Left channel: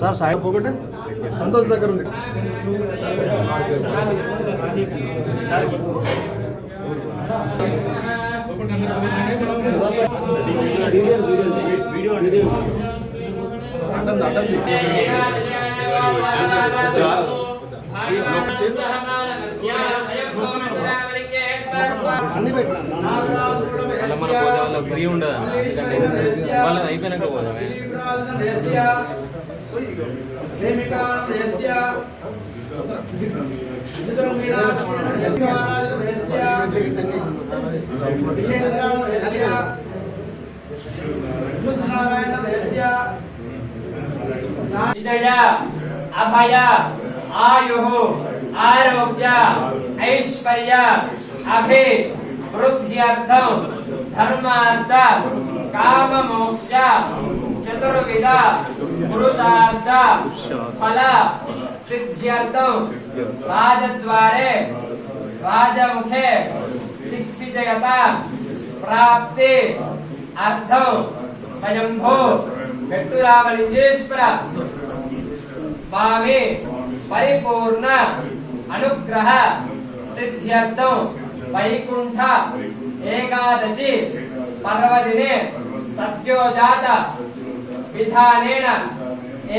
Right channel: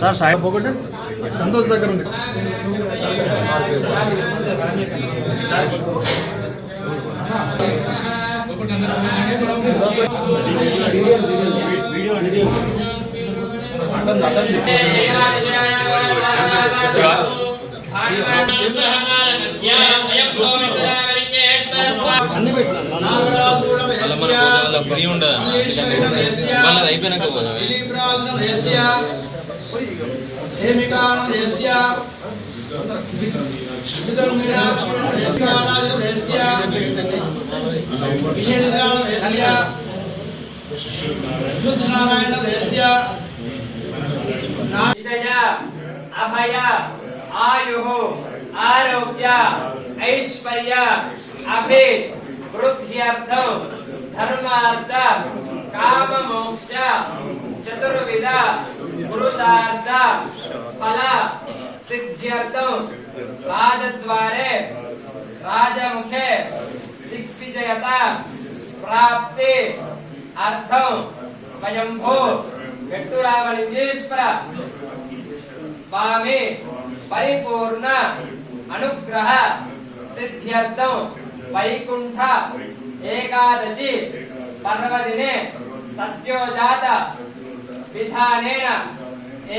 Sir Sai పోగొట్టు Santosh దగ్గర ఉంది. Free ఉండదు వాళ్ళది అయిపోయినాక పోదాం. అభయ ఆయు ఆరోగ్య ఐశ్వర్య అభి వృద్ధ్యర్థం ధర్మార్థ కామ మోక్ష చతుర్విధ పురుషార్థ ఫల సిద్ధ్యర్థం రాజద్వారే రాజముఖే దిగ్విజయత ప్రాప్తి అర్థం స్వయంభూ వెట్టురామలింగేశ్వర స్వామి పరిపూర్ణ అనుగ్రహ సిద్ధ్యర్థం వైకుంఠ ఏకాదశి పర్వదినే సత్యోజాత విధానేన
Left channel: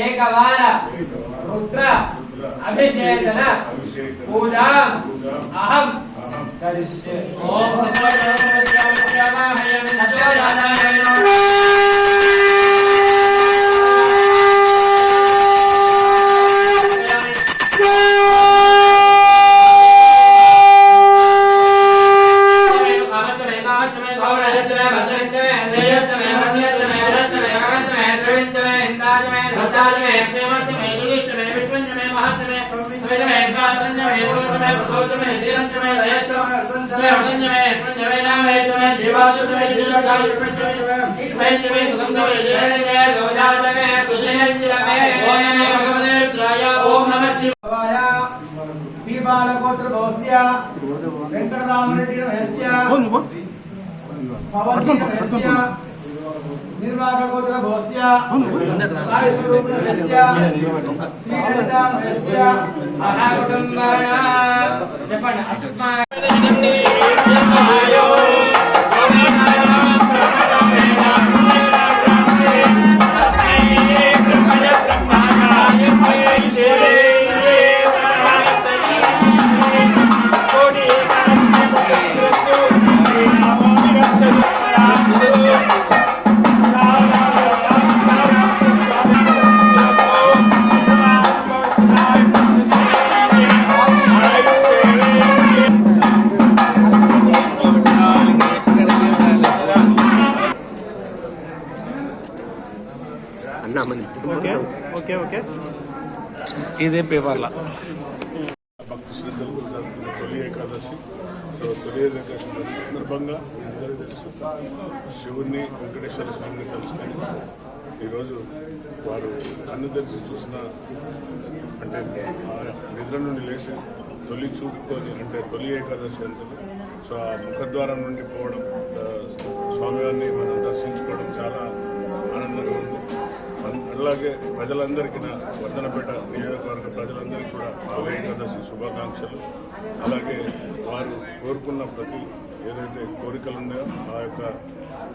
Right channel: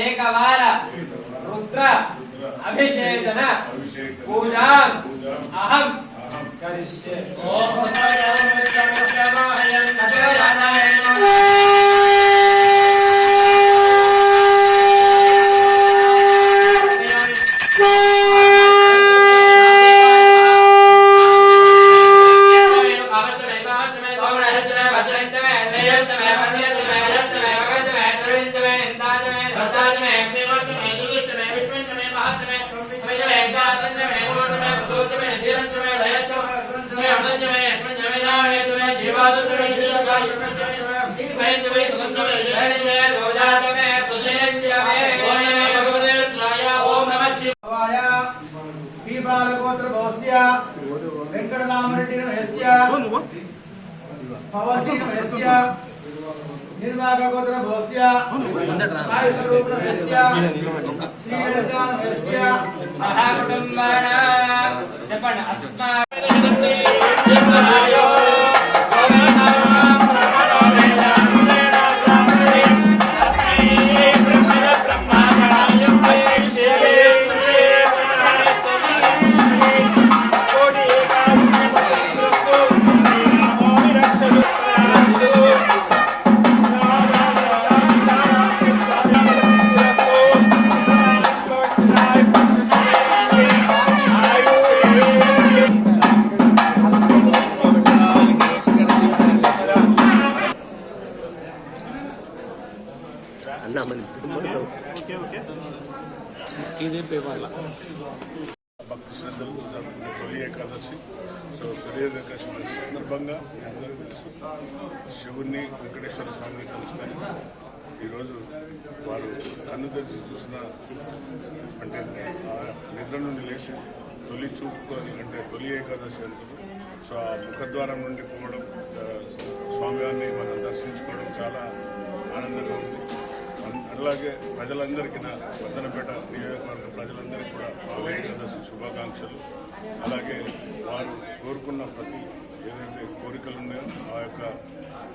ఏకవార రుద్ర అభిషేచన పూజాం అహం కరిష్యే. వెంకటరామరెడ్డి పవన్ నిర్వాహక గోత్ర భోస్య సాయి స్వరూప చెప్పండి. అస్మా ఇదే పేపర్ల భక్తి శ్రద్ధలు తొలి ఏకాదశి. తొలి ఏకాదశి సందర్భంగా అందరికీ తెలుసు శివుణ్ణి వెంకటేశ్వర స్వామిని తెలుసుకొని ఈరోజు వారు కన్ను తెరిచి చూసిన అంటే నిద్ర నుండి లేచి తొలి చూపుకొని అంటే తొలి ఏకాదశి అంటారు. సో ఆ ముఖద్వారం నుండి పోవడం స్వామివారిని మనం దర్శించుకోవడం చాలా ఆనందంగా ఉంది. అలాగే ప్రజలందరికీ నా వర్ధనపేట నియోజకవర్గ ప్రజలందరికీ కూడా తొలి ఏకాదశి శుభాకాంక్షలు. అలాగే వారు కోరుకున్న ప్రతి ఏదైతే కోరికలు ఉన్నాయో ఆ యొక్క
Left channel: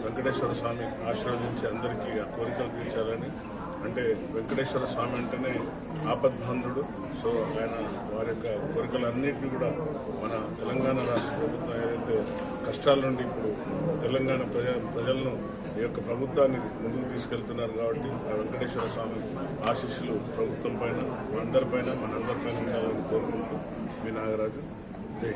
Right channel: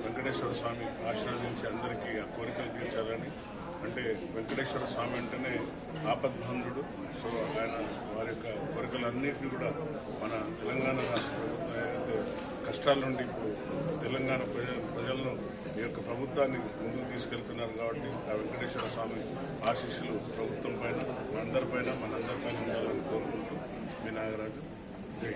వెంకటేశ్వర స్వామి ఆశీర్వదించి అందరికీ ఆ కోరికలు తీర్చాలని. అంటే వెంకటేశ్వర స్వామి అంటేనే ఆపద్బాంధుడు. సో ఆయన వారి యొక్క కోరికలన్నింటినీ కూడా మన తెలంగాణ రాష్ట్ర ప్రభుత్వం ఏదైతే కష్టాల నుండి ఇప్పుడు తెలంగాణ ప్రజలను ఈ యొక్క ప్రభుత్వాన్ని ముందుకు తీసుకెళ్తున్నారు కాబట్టి ఆ వెంకటేశ్వర స్వామి ఆశీస్సులు ప్రభుత్వం పైన మనందరిపైన ఉండాలని కోరుకుంటూ మీ నాగరాజు. జై